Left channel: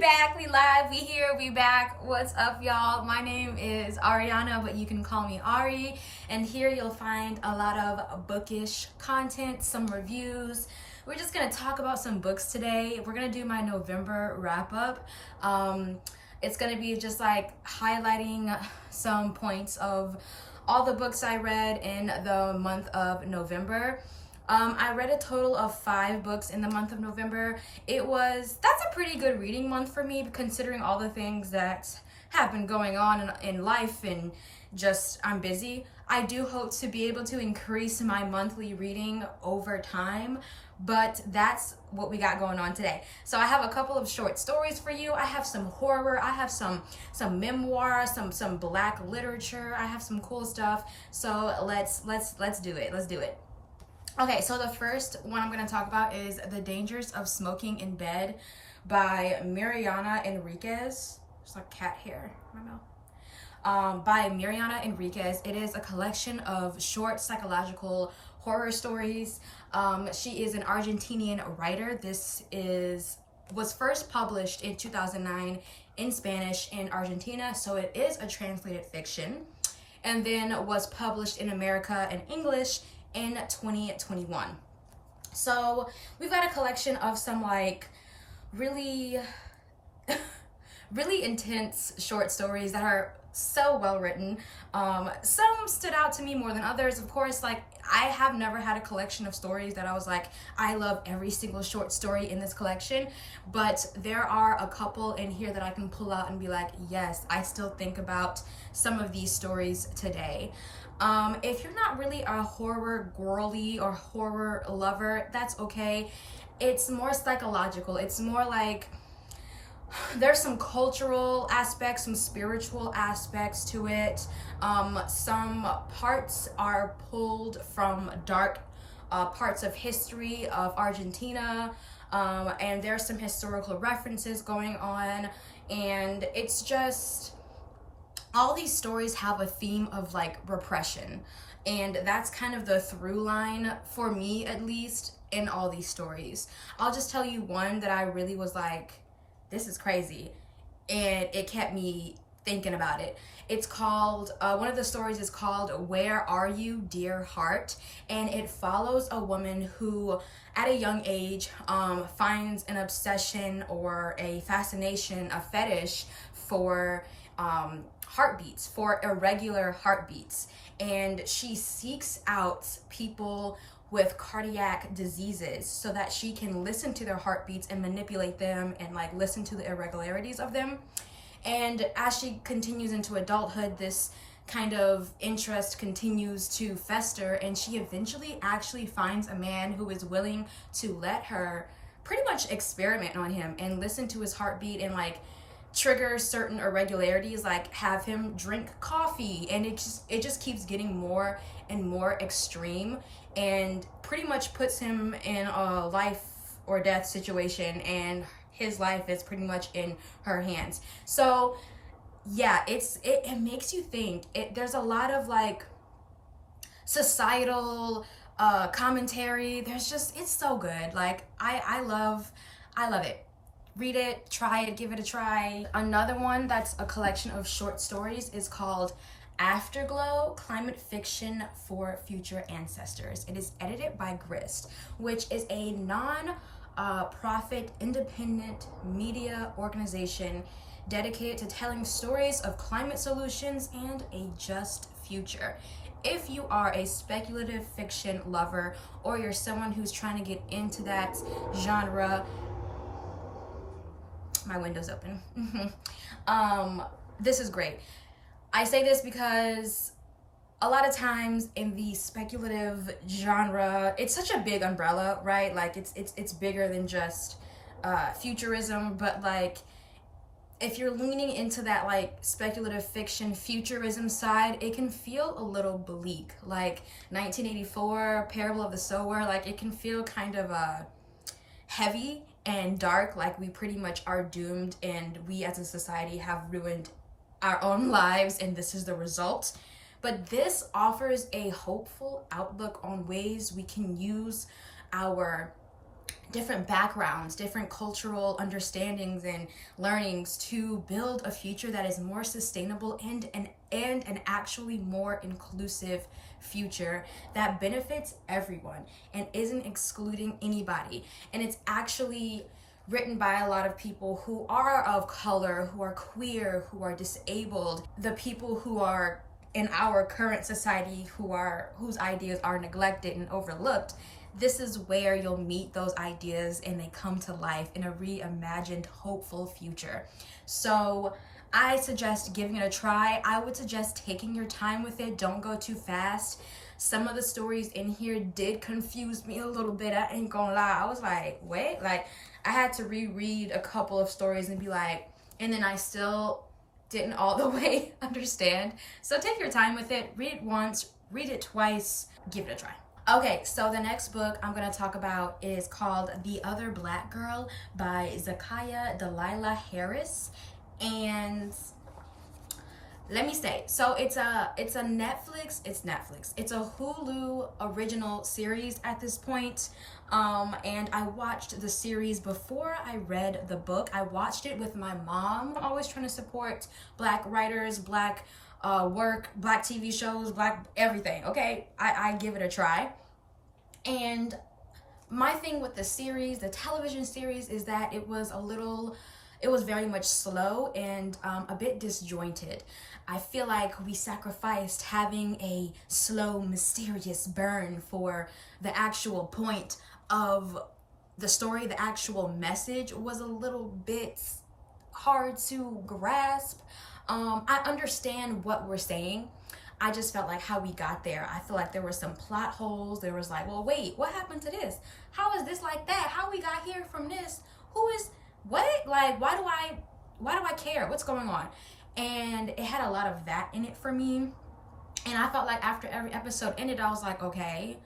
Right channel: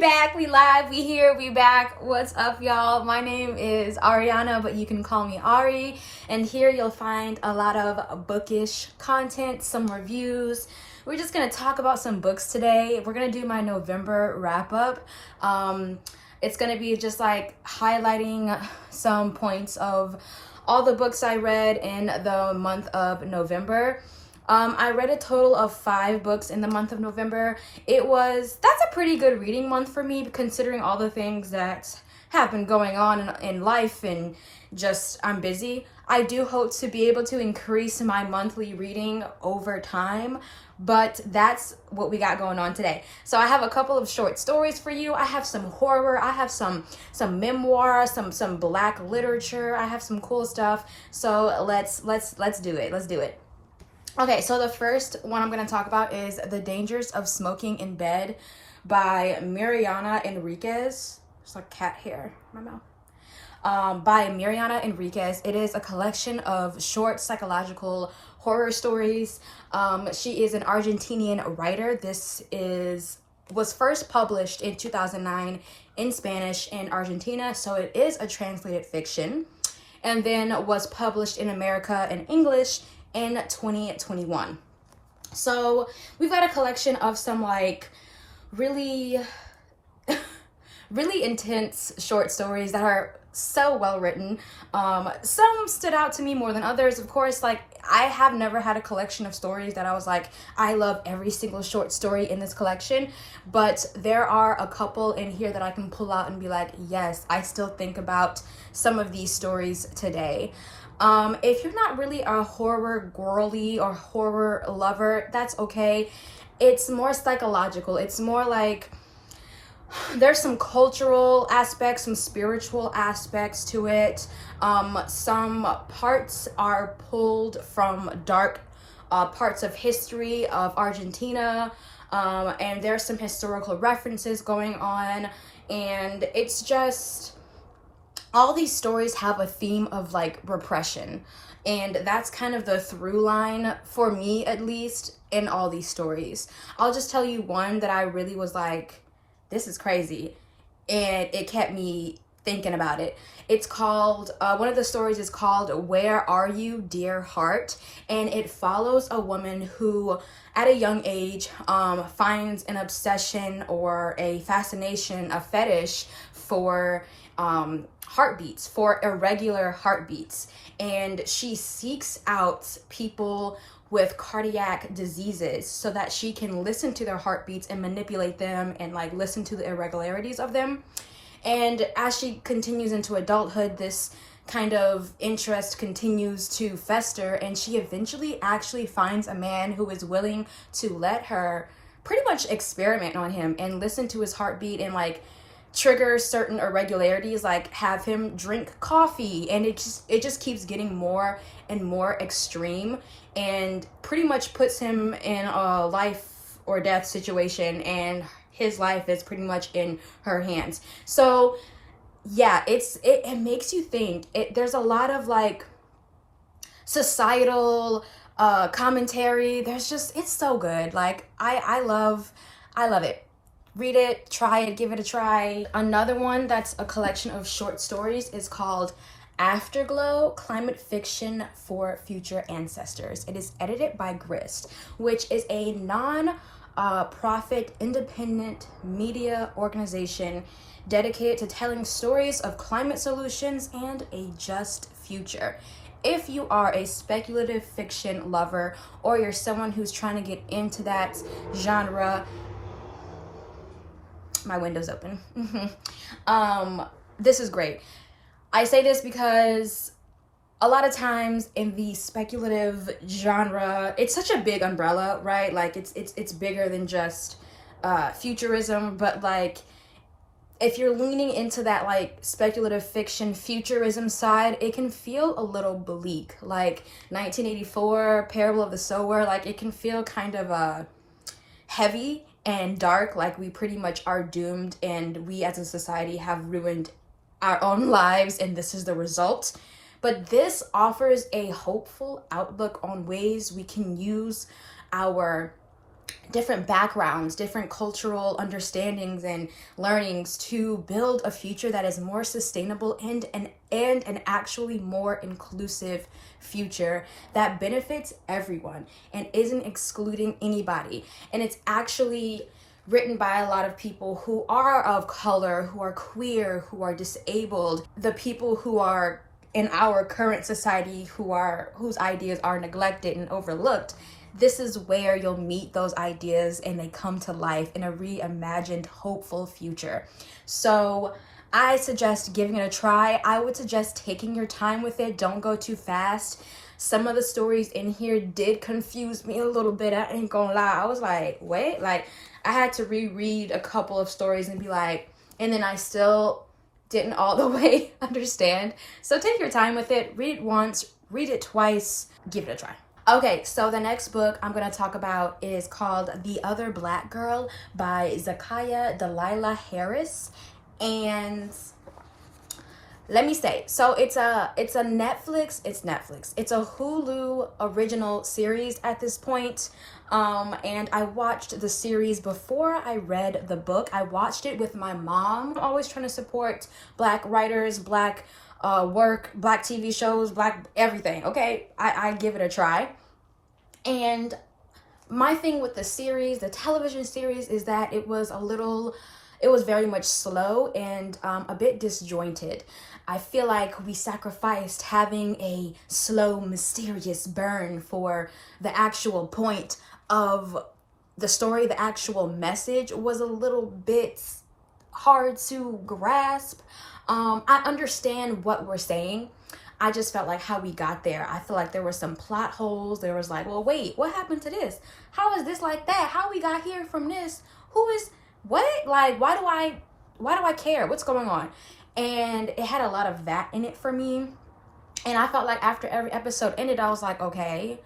back, we live, we here, we back. What's up, y'all? My name is Ariana, but you can call me Ari. And here you'll find a lot of bookish content, some reviews. We're just gonna talk about some books today. We're gonna do my November wrap up. It's gonna be just like highlighting some points of all the books I read in the month of November. I read a total of 5 books in the month of November. That's a pretty good reading month for me, considering all the things that have been going on in life and just I'm busy. I do hope to be able to increase my monthly reading over time, but that's what we got going on today. So I have a couple of short stories for you. I have some horror. I have some memoir, some black literature. I have some cool stuff. So let's do it. Let's do it. Okay, so the first one I'm going to talk about is The Dangers of Smoking in Bed by Mariana Enriquez. There's like cat hair in my mouth. By Mariana Enriquez. It is a collection of short psychological horror stories. She is an Argentinian writer. This was first published in 2009 in Spanish in Argentina, so it is a translated fiction, and then was published in America in English in 2021. So we've got a collection of some like really really intense short stories that are so well written. Some stood out to me more than others. Of course, like I have never had a collection of stories that I was like, I love every single short story in this collection, but there are a couple in here that I can pull out and be like, yes, I still think about some of these stories today. If you're not really a horror girly or horror lover, that's okay. It's more psychological. It's more like there's some cultural aspects, some spiritual aspects to it. Some parts are pulled from dark parts of history of Argentina, and there's some historical references going on, and it's just all these stories have a theme of like repression, and that's kind of the through line for me, at least, in all these stories. I'll just tell you one that I really was like, this is crazy, and it kept me thinking about it. It's called, one of the stories is called Where Are You, Dear Heart? And it follows a woman who at a young age finds an obsession or a fascination, a fetish for heartbeats, for irregular heartbeats, and she seeks out people with cardiac diseases so that she can listen to their heartbeats and manipulate them and like listen to the irregularities of them. And as she continues into adulthood, this kind of interest continues to fester, and she eventually actually finds a man who is willing to let her pretty much experiment on him and listen to his heartbeat and like trigger certain irregularities, like have him drink coffee, and it just keeps getting more and more extreme, and pretty much puts him in a life or death situation, and his life is pretty much in her hands. So yeah, it makes you think. There's a lot of like societal commentary. It's so good. Like I love it. Read it, try it, give it a try. Another one that's a collection of short stories is called Afterglow, Climate Fiction for Future Ancestors. It is edited by Grist, which is a non-profit independent media organization dedicated to telling stories of climate solutions and a just future. If you are a speculative fiction lover, or you're someone who's trying to get into that genre, my window's open. This is great. I say this because a lot of times in the speculative genre, it's such a big umbrella, right? Like it's bigger than just futurism, but like if you're leaning into that like speculative fiction futurism side, it can feel a little bleak. Like 1984, Parable of the Sower, like it can feel kind of heavy and dark, like we pretty much are doomed and we as a society have ruined our own lives and this is the result. But this offers a hopeful outlook on ways we can use our different backgrounds, different cultural understandings and learnings to build a future that is more sustainable and an actually more inclusive future that benefits everyone and isn't excluding anybody. And it's actually written by a lot of people who are of color, who are queer, who are disabled, the people who are in our current society whose ideas are neglected and overlooked. This is where you'll meet those ideas and they come to life in a reimagined, hopeful future. So I suggest giving it a try. I would suggest taking your time with it. Don't go too fast. Some of the stories in here did confuse me a little bit. I ain't gonna lie. I was like, wait, like I had to reread a couple of stories and be like, and then I still didn't all the way understand. So take your time with it. Read it once, read it twice, give it a try. Okay, so the next book I'm going to talk about is called The Other Black Girl by Zakiya Dalila Harris. And let me say, so it's a Netflix, it's a Hulu original series at this point. And I watched the series before I read the book. I watched it with my mom. I'm always trying to support Black writers, Black work, Black TV shows, Black everything. Okay, I give it a try. And my thing with the series, the television series, is that it was very much slow and a bit disjointed. I feel like we sacrificed having a slow, mysterious burn for the actual point of the story. The actual message was a little bit hard to grasp. I understand what we're saying. I just felt like how we got there. I feel like there were some plot holes. There was like, well, wait, what happened to this? How is this like that? How we got here from this? Who is what? Like, why do I care? What's going on? And it had a lot of that in it for me. And I felt like after every episode ended, I was like, okay.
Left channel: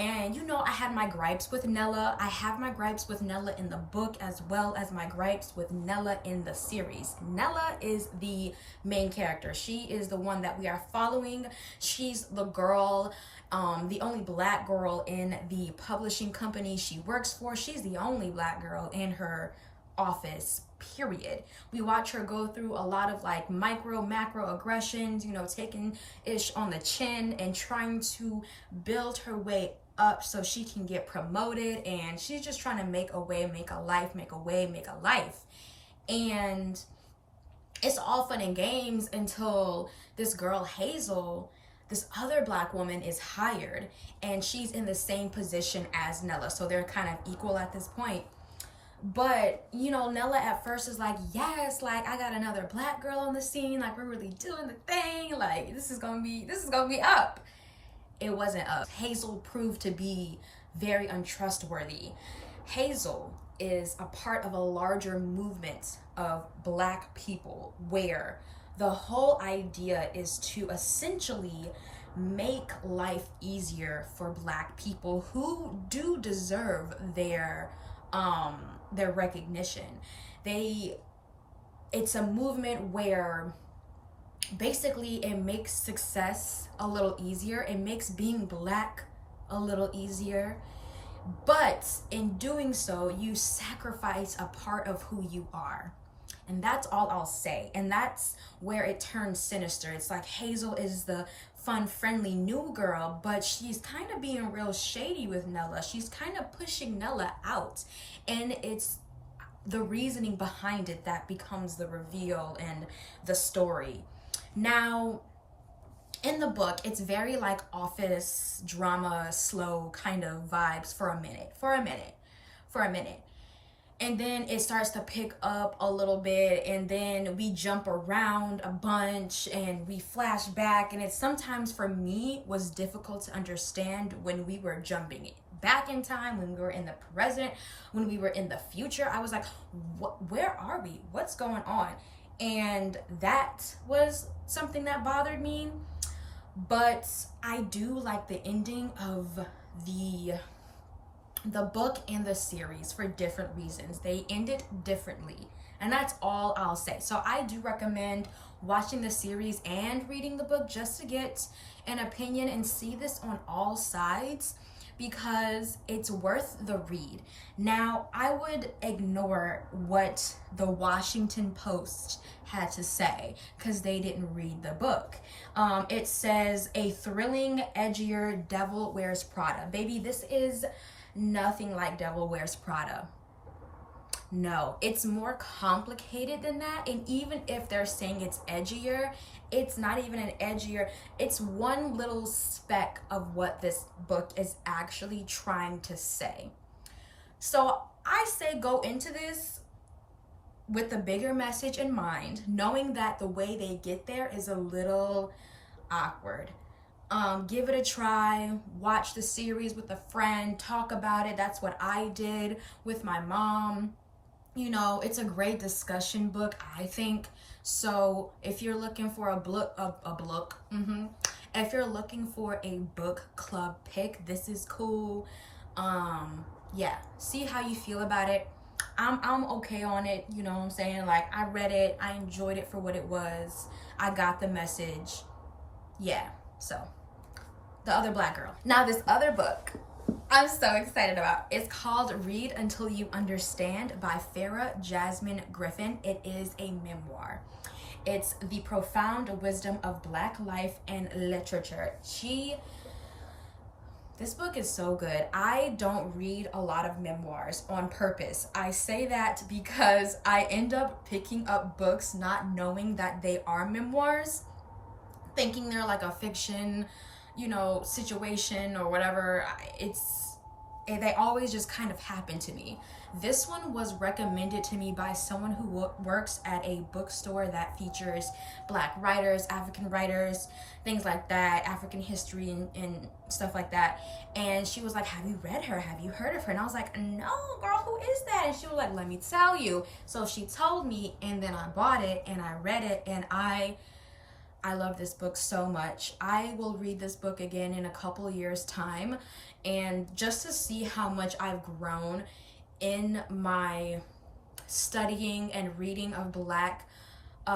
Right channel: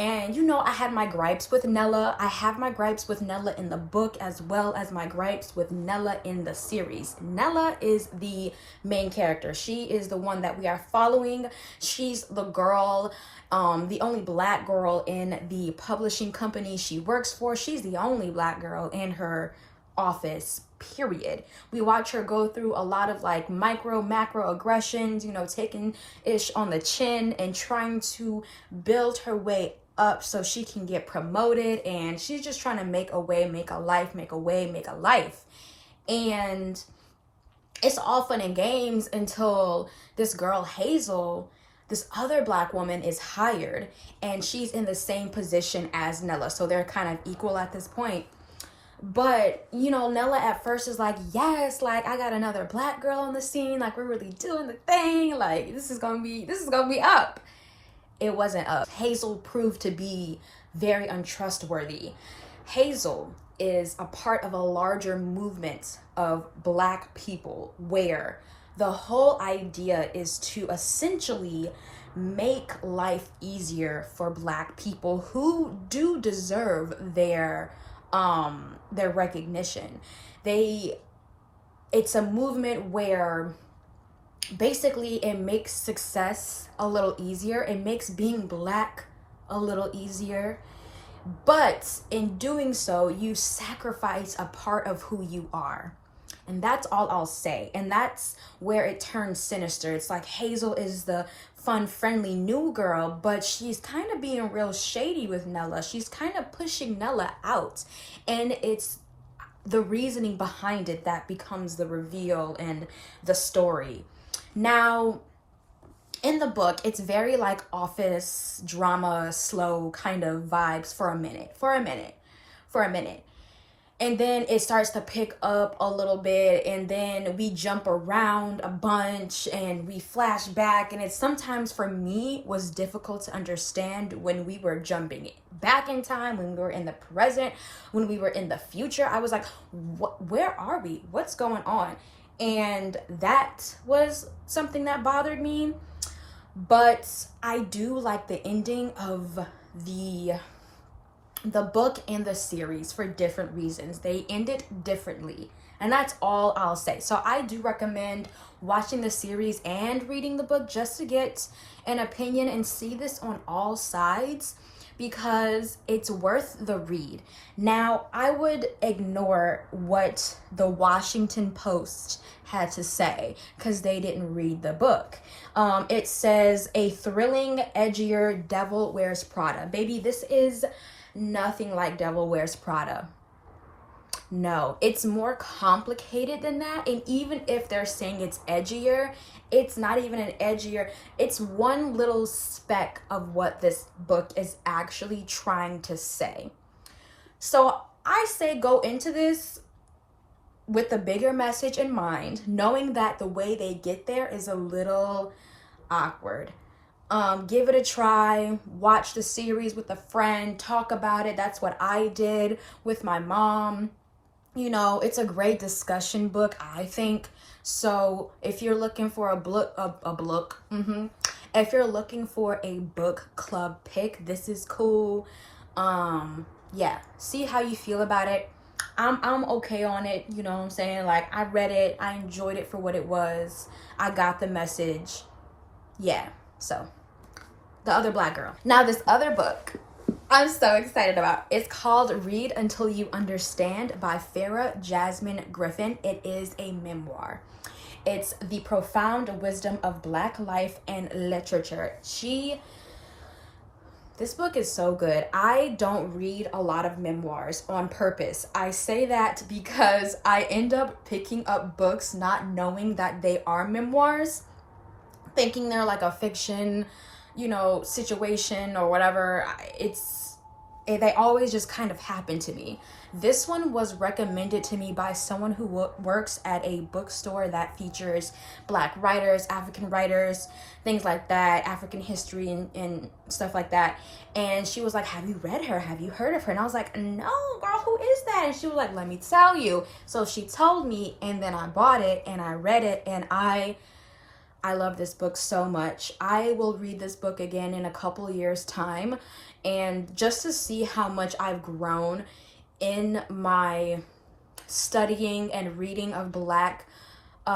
And you know, I had my gripes with Nella. I have my gripes with Nella in the book as well as my gripes with Nella in the series. Nella is the main character. She is the one that we are following. She's the girl, the only Black girl in the publishing company she works for. She's the only Black girl in her office, period. We watch her go through a lot of like macro aggressions, you know, taking ish on the chin and trying to build her way up so she can get promoted. And she's just trying to make a way, make a life. And it's all fun and games until this girl Hazel, this other Black woman, is hired and she's in the same position as Nella. So they're kind of equal at this point. But, you know, Nella at first is like, yes, like I got another Black girl on the scene. Like we're really doing the thing. Like this is gonna be up. It wasn't up. Hazel proved to be very untrustworthy. Hazel is a part of a larger movement of Black people where the whole idea is to essentially make life easier for Black people who do deserve their recognition. It's a movement where basically it makes success a little easier. It makes being Black a little easier. But in doing so, you sacrifice a part of who you are. And that's all I'll say. And that's where it turns sinister. It's like Hazel is the fun, friendly new girl, but she's kind of being real shady with Nella. She's kind of pushing Nella out. And it's the reasoning behind it that becomes the reveal and the story. Now, in the book, it's very like office drama, slow kind of vibes for a minute. And then it starts to pick up a little bit, and then we jump around a bunch and we flash back, and it sometimes for me was difficult to understand when we were jumping back in time, when we were in the present, when we were in the future. I was like, where are we? What's going on? And that was something that bothered me. But I do like the ending of the book and the series for different reasons. They ended differently, and that's all I'll say. So I do recommend watching the series and reading the book just to get an opinion and see this on all sides. because it's worth the read. Now, I would ignore what the Washington Post had to say because they didn't read the book. It says a thrilling, edgier Devil Wears Prada. Baby, this is nothing like Devil Wears Prada. No, it's more complicated than that. And even if they're saying it's edgier, it's not even an edgier. It's one little speck of what this book is actually trying to say. So I say go into this with the bigger message in mind, knowing that the way they get there is a little awkward. Give it a try, watch the series with a friend, talk about it. That's what I did with my mom. You know, it's a great discussion book, I think. So if you're looking for if you're looking for a book club pick, this is cool. Yeah, see how you feel about it. I'm okay on it, you know what I'm saying? Like, I read it, I enjoyed it for what it was. I got the message. Yeah, so The Other Black Girl. Now, this other book I'm so excited about. It's called Read Until You Understand by Farah Jasmine Griffin. It is a memoir. It's the profound wisdom of Black life and literature. This book is so good. I don't read a lot of memoirs on purpose. I say that because I end up picking up books not knowing that they are memoirs, thinking they're like a fiction, situation or whatever. They always just kind of happen to me. This one was recommended to me by someone who works at a bookstore that features Black writers, African writers, things like that, African history and stuff like that. And she was like, have you read her? Have you heard of her? And I was like, no, girl, who is that? And she was like, let me tell you. So she told me, and then I bought it and I read it, and I love this book so much. I will read this book again in a couple years' time, and just to see how much I've grown in my studying and reading of Black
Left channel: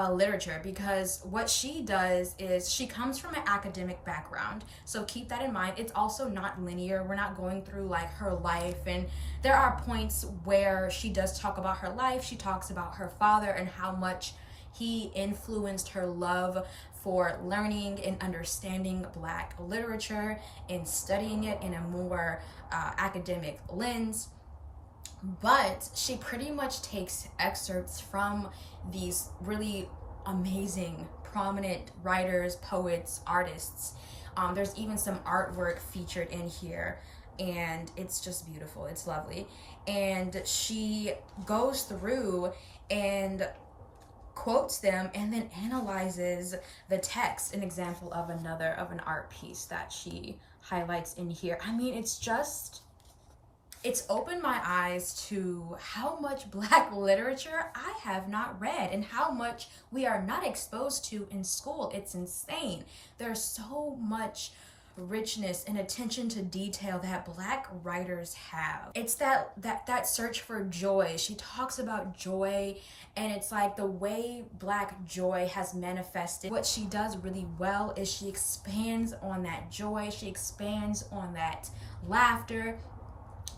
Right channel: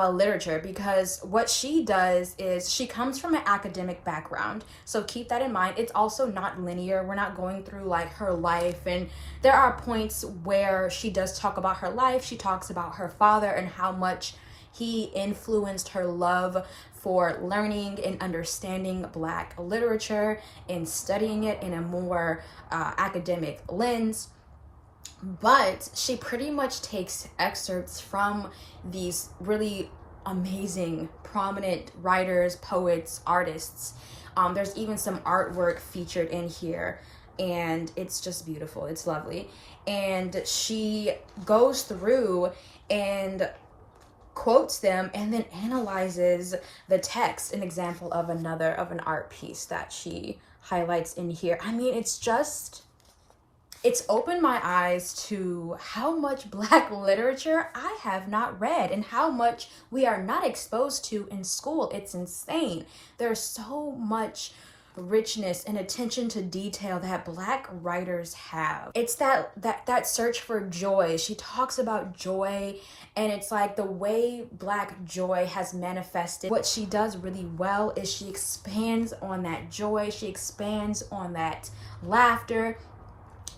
literature, because what she does is she comes from an academic background. So keep that in mind. It's also not linear. We're not going through like her life, and there are points where she does talk about her life. She talks about her father and how much he influenced her love for learning and understanding Black literature and studying it in a more academic lens. But she pretty much takes excerpts from these really amazing, prominent writers, poets, artists. There's even some artwork featured in here, and it's just beautiful. It's lovely. And she goes through and quotes them and then analyzes the text, an example of an art piece that she highlights in here. I mean, it's opened my eyes to how much Black literature I have not read and how much we are not exposed to in school. It's insane. There's so much richness and attention to detail that Black writers have. It's that search for joy. She talks about joy, and it's like the way Black joy has manifested. What she does really well is she expands on that joy. She expands on that laughter.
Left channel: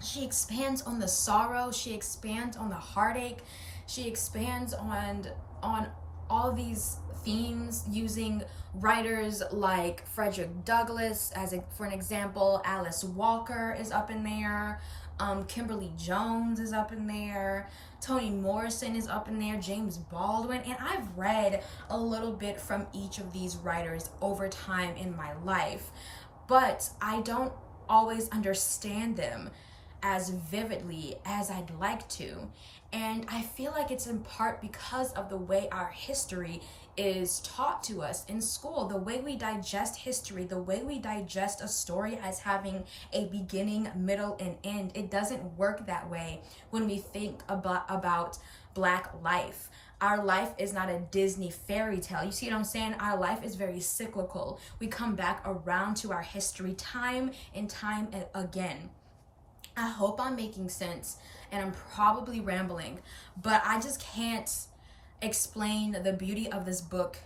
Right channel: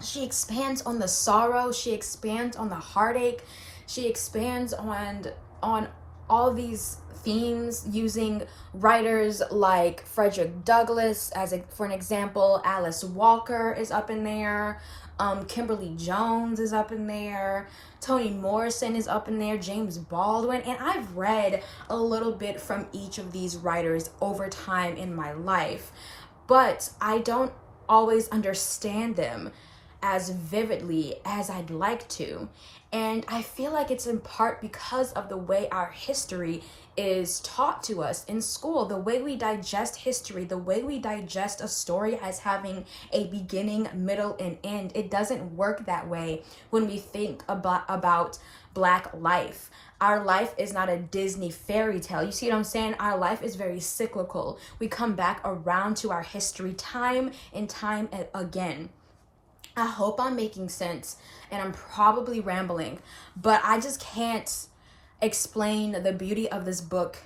She expands on the sorrow. She expands on the heartache. She expands on all these themes using writers like Frederick Douglass for an example. Alice Walker is up in there. Kimberly Jones is up in there. Toni Morrison is up in there. James Baldwin. And I've read a little bit from each of these writers over time in my life, but I don't always understand them as vividly as I'd like to. And I feel like it's in part because of the way our history is taught to us in school, the way we digest history, the way we digest a story as having a beginning, middle, and end. It doesn't work that way when we think about Black life. Our life is not a Disney fairy tale. You see what I'm saying? Our life is very cyclical. We come back around to our history time and time again. I hope I'm making sense, and I'm probably rambling, but I just can't explain the beauty of this book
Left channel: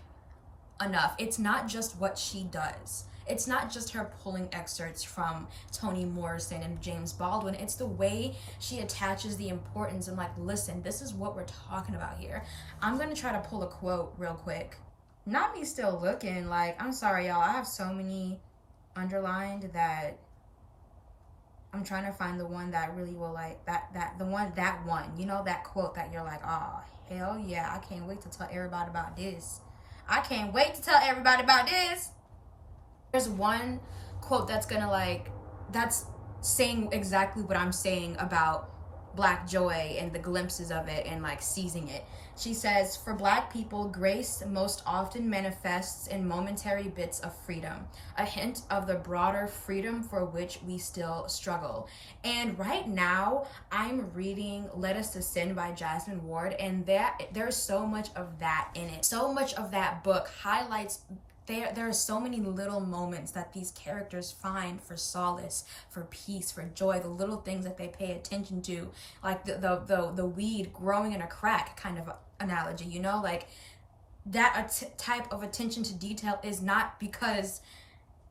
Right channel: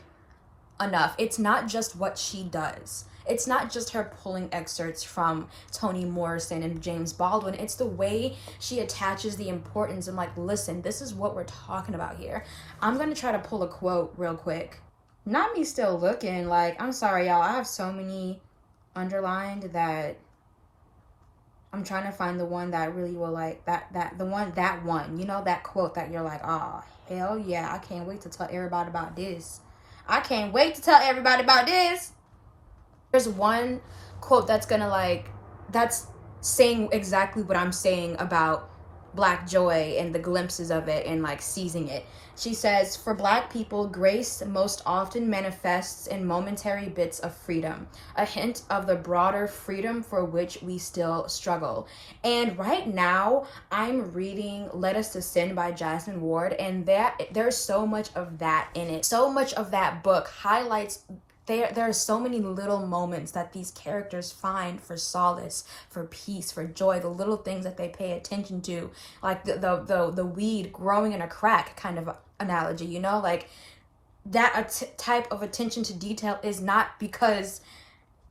enough. It's not just what she does. it's not just her pulling excerpts from Toni Morrison and James Baldwin. It's the way she attaches the importance and like, listen, this is what we're talking about here. I'm going to try to pull a quote real quick. Not me still looking. Like, I'm sorry, y'all. I have so many underlined that I'm trying to find the one that really will like that one, you know, that quote that you're like, oh, hell yeah, I can't wait to tell everybody about this. I can't wait to tell everybody about this. There's one quote that's gonna like, that's saying exactly what I'm saying about Black joy and the glimpses of it and like seizing it. She says, for Black people, grace most often manifests in momentary bits of freedom, a hint of the broader freedom for which we still struggle. And right now, I'm reading Let Us Descend by Jasmine Ward, and there's so much of that in it. So much of that book highlights there are so many little moments that these characters find for solace, for peace, for joy, the little things that they pay attention to, like the weed growing in a crack kind of analogy, you know, like that type of attention to detail is not because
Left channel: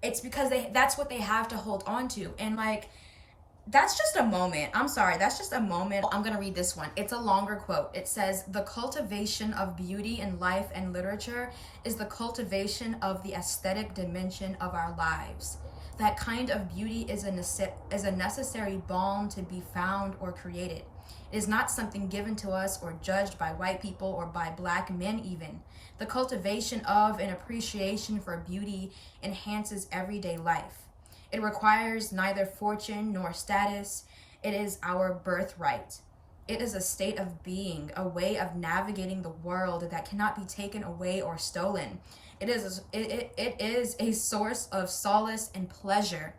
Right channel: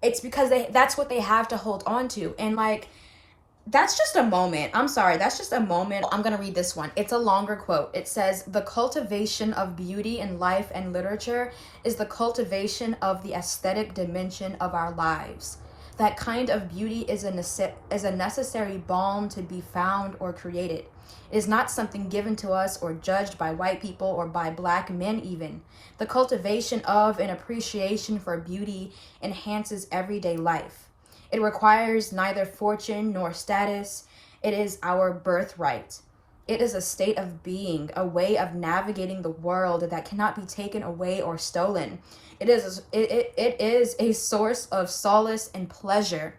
it's because that's what they have to hold on to. And like, that's just a moment. I'm sorry, that's just a moment. I'm gonna read this one. It's a longer quote. It says, the cultivation of beauty in life and literature is the cultivation of the aesthetic dimension of our lives. That kind of beauty is a necessary balm to be found or created. It is not something given to us or judged by white people or by Black men even. The cultivation of and appreciation for beauty enhances everyday life. It requires neither fortune nor status. It is our birthright. It is a state of being, a way of navigating the world that cannot be taken away or stolen. It is a source of solace and pleasure.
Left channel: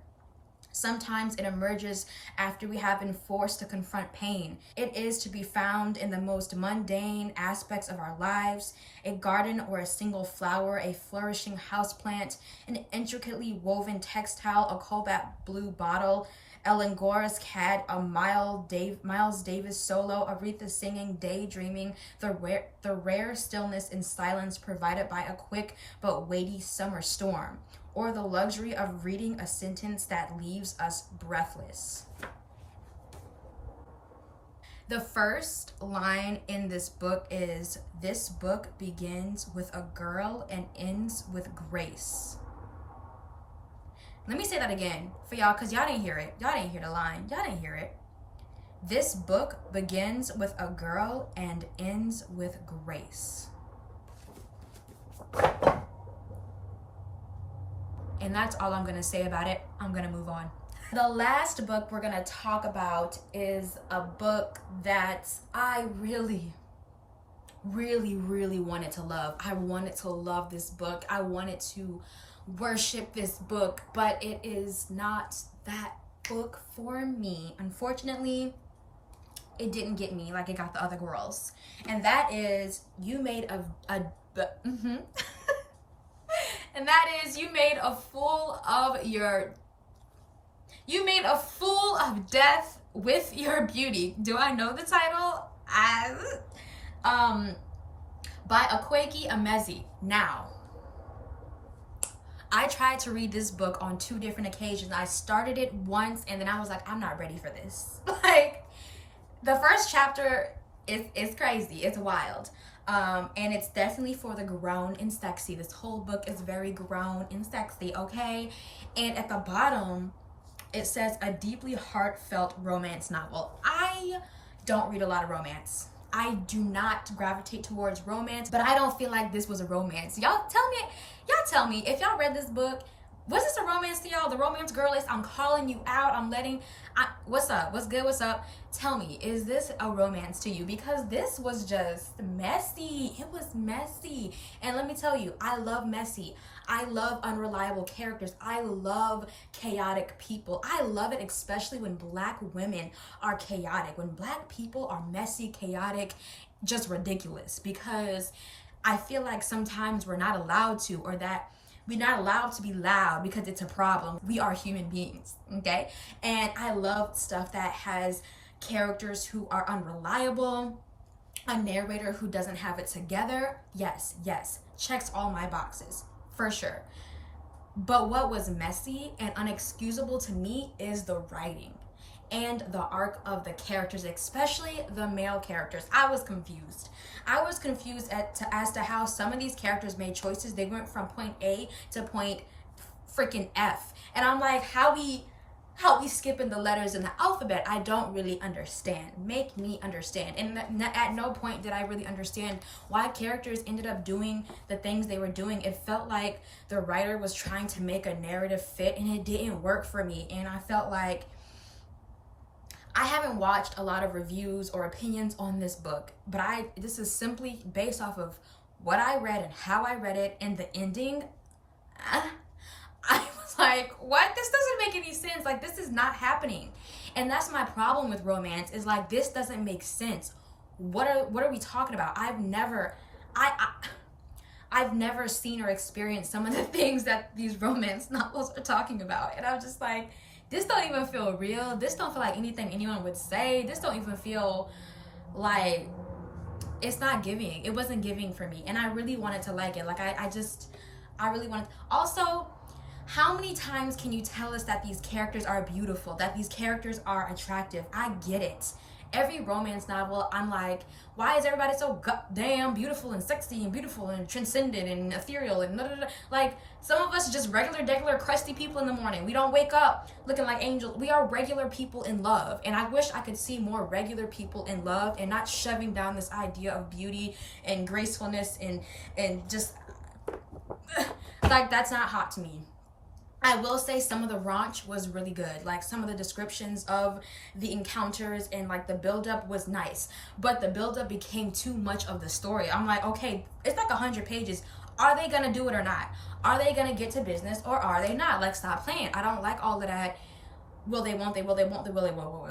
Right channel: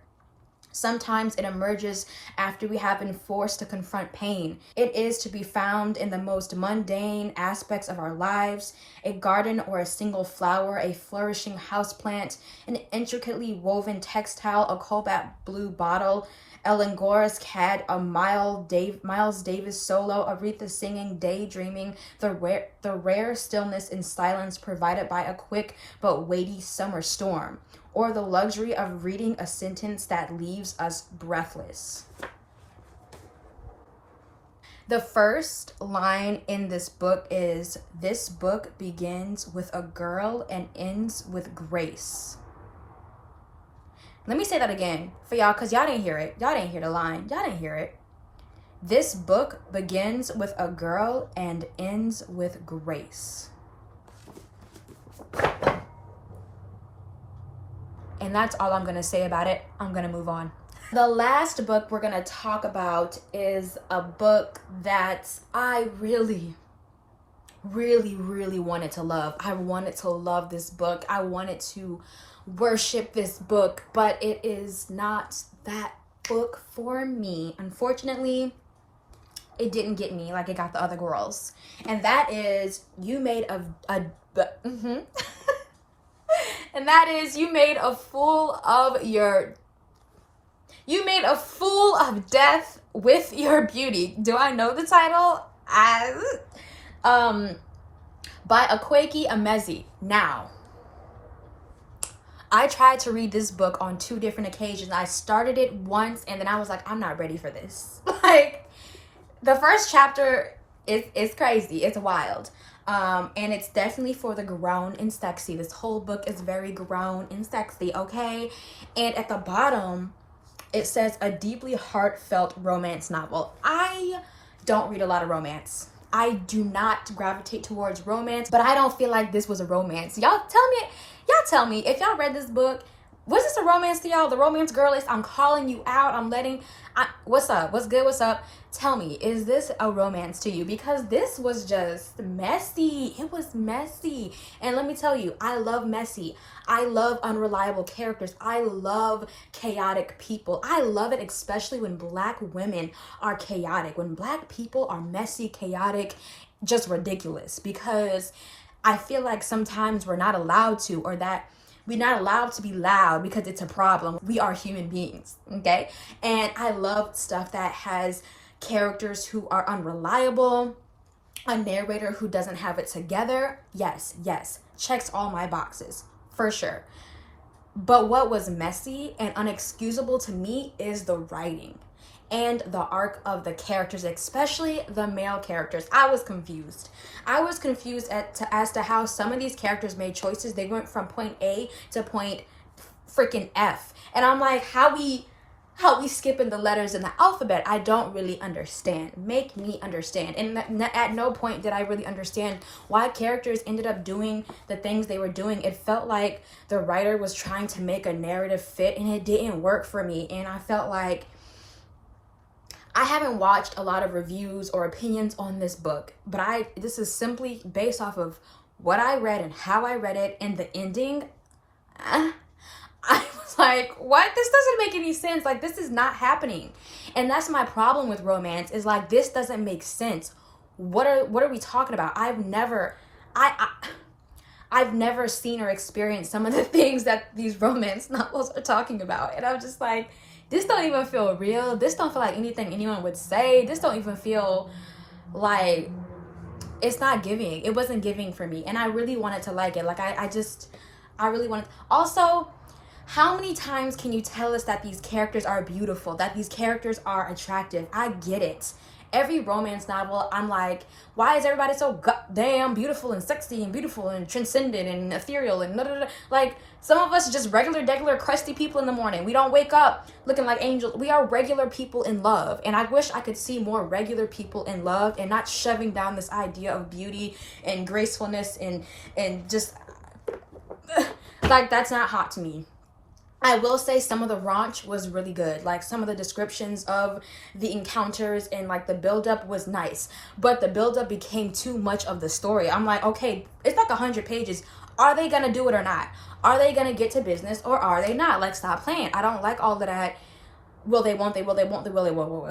Sometimes it emerges after we have been forced to confront pain. It is to be found in the most mundane aspects of our lives: a garden or a single flower, a flourishing houseplant, an intricately woven textile, a cobalt blue bottle, Ellen Gore's cat, a Miles Davis solo, Aretha singing, daydreaming, the rare stillness and silence provided by a quick but weighty summer storm, or the luxury of reading a sentence that leaves us breathless. The first line in this book is, this book begins with a girl and ends with grace. Let me say that again for y'all, because y'all didn't hear it. Y'all didn't hear the line. Y'all didn't hear it. This book begins with a girl and ends with grace. And that's all I'm going to say about it. I'm going to move on. The last book we're going to talk about is a book that I really wanted to love. I wanted to love this book. I wanted to worship this book, but it is not that book for me. Unfortunately, it didn't get me like it got the other girls. And that is You Made a and that is You Made a Fool of Death with Your Beauty. Do I know the title? By Akwaeke Emezi. Now, I tried to read this book on 2 different occasions. I started it once and then I was like, I'm not ready for this. Like, the first chapter is crazy. It's wild. And it's definitely for the grown and sexy. This whole book is very grown and sexy, okay? And at the bottom, it says a deeply heartfelt romance novel. I don't read a lot of romance. I do not gravitate towards romance, but I don't feel like this was a romance. Y'all tell me if y'all read this book, was this a romance to y'all? The romance girl is, I'm calling you out. What's up? What's good? What's up? Tell me, is this a romance to you? Because this was just messy. It was messy. And let me tell you, I love messy. I love unreliable characters. I love chaotic people. I love it, especially when Black women are chaotic. When Black people are messy, chaotic, just ridiculous. Because I feel like sometimes we're not allowed to, or that we're not allowed to be loud because it's a problem. We are human beings, okay? And I love stuff that has characters who are unreliable, a narrator who doesn't have it together. Yes, checks all my boxes, for sure. But what was messy and unexcusable to me is the writing and the arc of the characters, especially the male characters. I was confused. I was confused as to how some of these characters made choices. They went from point A to point freaking F. And I'm like, how we skipping the letters in the alphabet? I don't really understand. Make me understand. And at no point did I really understand why characters ended up doing the things they were doing. It felt like the writer was trying to make a narrative fit, and it didn't work for me. And I felt like I haven't watched a lot of reviews or opinions on this book, but this is simply based off of what I read and how I read it, and the ending. I was like, what? This doesn't make any sense. Like, this is not happening. And that's my problem with romance, is like, this doesn't make sense. What are we talking about? I've never seen or experienced some of the things that these romance novels are talking about. And I'm just like, this don't even feel real. This don't feel like anything anyone would say. This don't even feel like, it's not giving. It wasn't giving for me. And I really wanted to like it. Like, I really wanted. Also, how many times can you tell us that these characters are beautiful, that these characters are attractive? I get it. Every romance novel, I'm like, why is everybody so goddamn beautiful and sexy and beautiful and transcendent and ethereal and like, some of us just regular crusty people in the morning. We don't wake up looking like angels. We are regular people in love. And I wish I could see more regular people in love and not shoving down this idea of beauty and gracefulness and just like, that's not hot to me. I will say some of the raunch was really good. Like, some of the descriptions of the encounters and like the buildup was nice, but the buildup became too much of the story. I'm like, okay, it's like 100 pages. Are they gonna do it or not? Are they gonna get to business or are they not? Like, stop playing. I don't like all of that. Will they, won't they, will they, won't they, will they, will.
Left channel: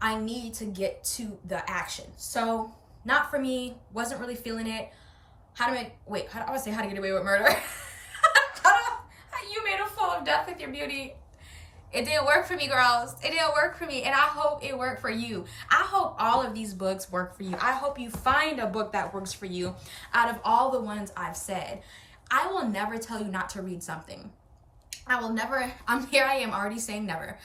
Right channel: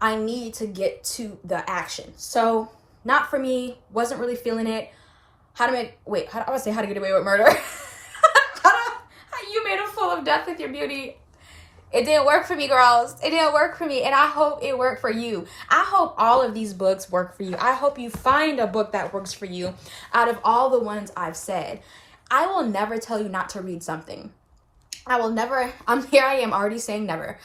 I need to get to the action. So, not for me. Wasn't really feeling it. I would say How to Get Away with Murder. You made a fool of death with your beauty. It didn't work for me, girls. It didn't work for me, and I hope it worked for you. I hope all of these books work for you. I hope you find a book that works for you out of all the ones I've said. I will never tell you not to read something. I will never, here I am already saying never.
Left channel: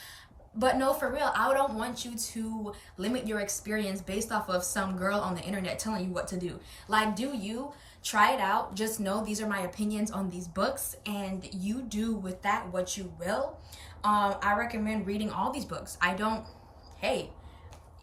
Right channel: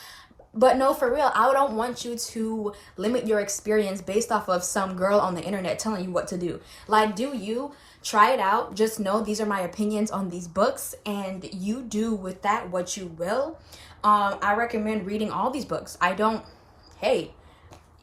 But no, for real, I don't want you to limit your experience based off of some girl on the internet telling you what to do. Like, do you try it out? Just know these are my opinions on these books, and you do with that what you will. I recommend reading all these books. Hey,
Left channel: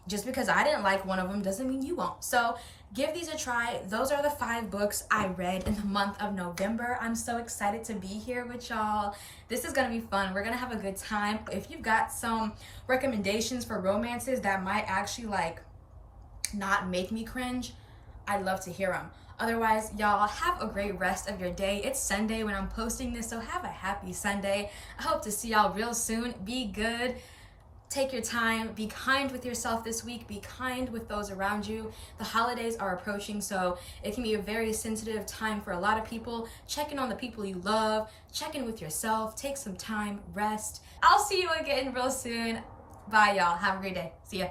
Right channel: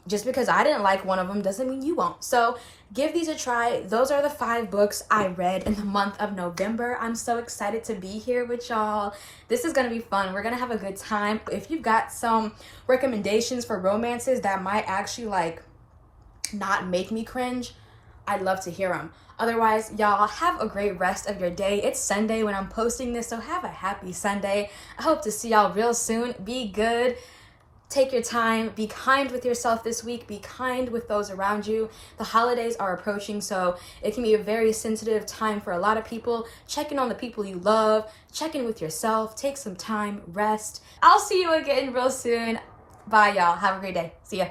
just because I didn't like one of them doesn't mean you won't. So give these a try. Those are the 5 books I read in the month of November. I'm so excited to be here with y'all. This is gonna be fun. We're gonna have a good time. If you've got some recommendations for romances that might actually like not make me cringe, I'd love to hear them. Otherwise, y'all have a great rest of your day. It's Sunday when I'm posting this, so have a happy Sunday. I hope to see y'all real soon. Be good. Take your time. Be kind with yourself this week. Be kind with those around you. The holidays are approaching, so it can be a very sensitive time for a lot of people. Check in on the people you love. Check in with yourself. Take some time. Rest. I'll see you again real soon. Bye, y'all. Have a great day. See ya.